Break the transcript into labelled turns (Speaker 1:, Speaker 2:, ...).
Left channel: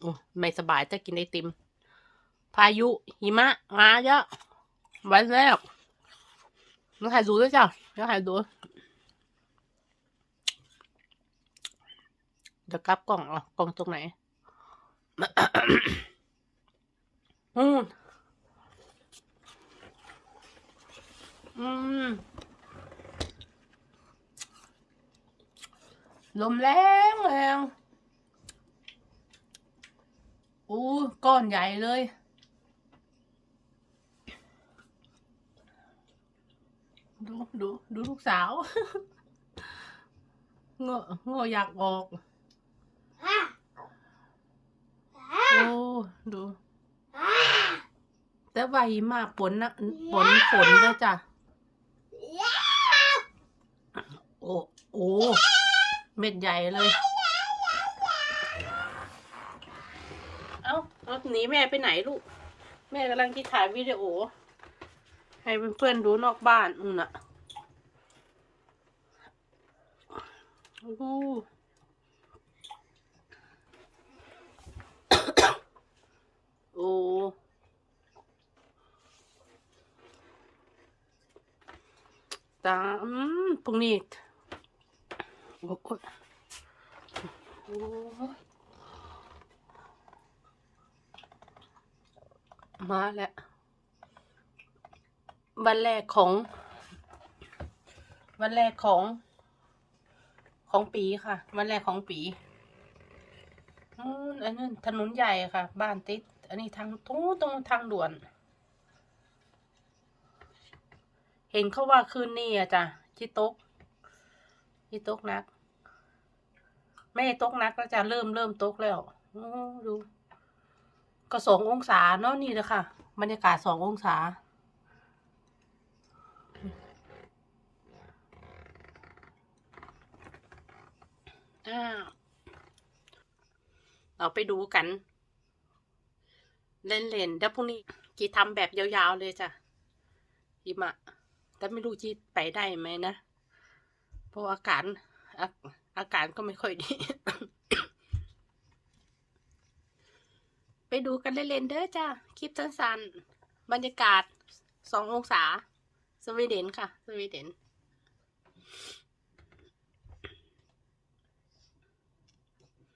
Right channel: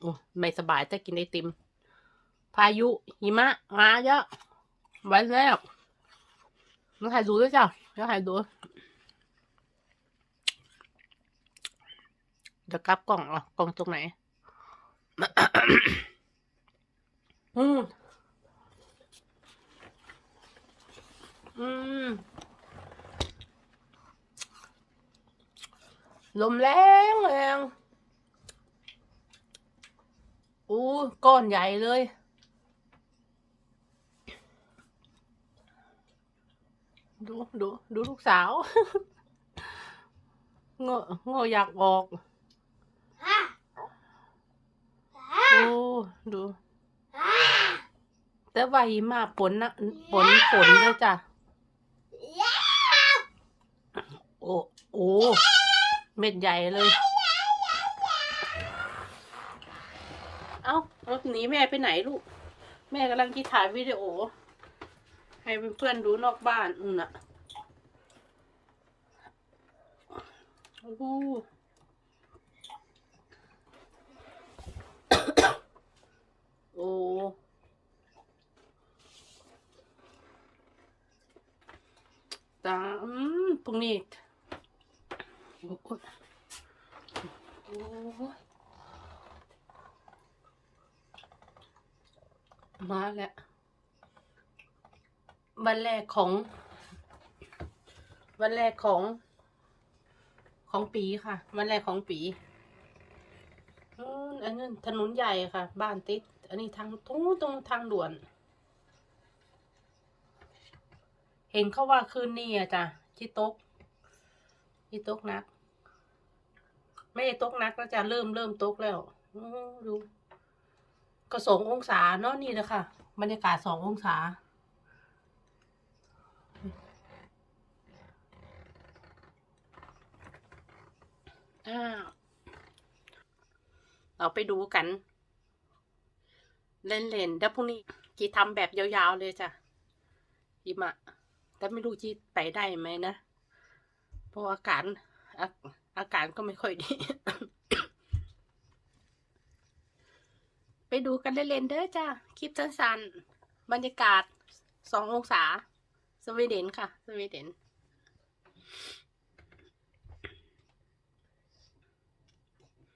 Speaker 1: โอ้ไม่สบายแต่กินไอติม พายุ หิมะ มาเยอะวันแรกน้องถ่ายดูด้วยจ้ะน้องถ่ายดูเดี๋ยวกลับกล่องอะกล่องตรงไหน อืม อืม ลมแรงแรง อู้ก้อนใหญ่เลย ดูดูดูลูกสาวเงาเงาอยากออกโอ้ดูแต่ว่าหิมาฝนนะฝนฝนแล้วจ้ะโอ้โอ้เม็ดใหญ่เลย เอ้าเอาหนีแม่ไปไหนลูก แม่กำลังคิดถ่ายวิดีโอ ให้เพื่อนๆดูนอกบ้านอืมน่ะโอ้โหโอ้ตาอืมพรุ่งนี้โอ้โหโอ้ มาแล้ววันแรกของ วันแรกของของปีค่ะ วันแรกของปีอืมอันนั้นถนนใหญ่ค่ะ บ้านติด อันนี้ทางตรงตรงทางด่วน เห็นเขาว่าคืนนี้อะจ้ะที่ตกที่ตกนัก ไม่ตกนักแล้วจ้ะเริ่มเริ่มตกแล้วอดู ก็สององศาเนาะนี่เลยค่ะบรรยากาศสององศาอ้าวเราไปดูกัน เล่นๆแล้วพรุ่งนี้จีทำแบบยาวๆเลยจ้ะหิมะแต่ไม่รู้จีไปได้ไหมนะ เพราะอากาศอาอากาศก็ไม่ค่อยดี ไปดูกันเล่นๆเด้อจ้าคลิปสั้นๆ บรรยากาศสององศา สวีเดนค่ะ สวีเดน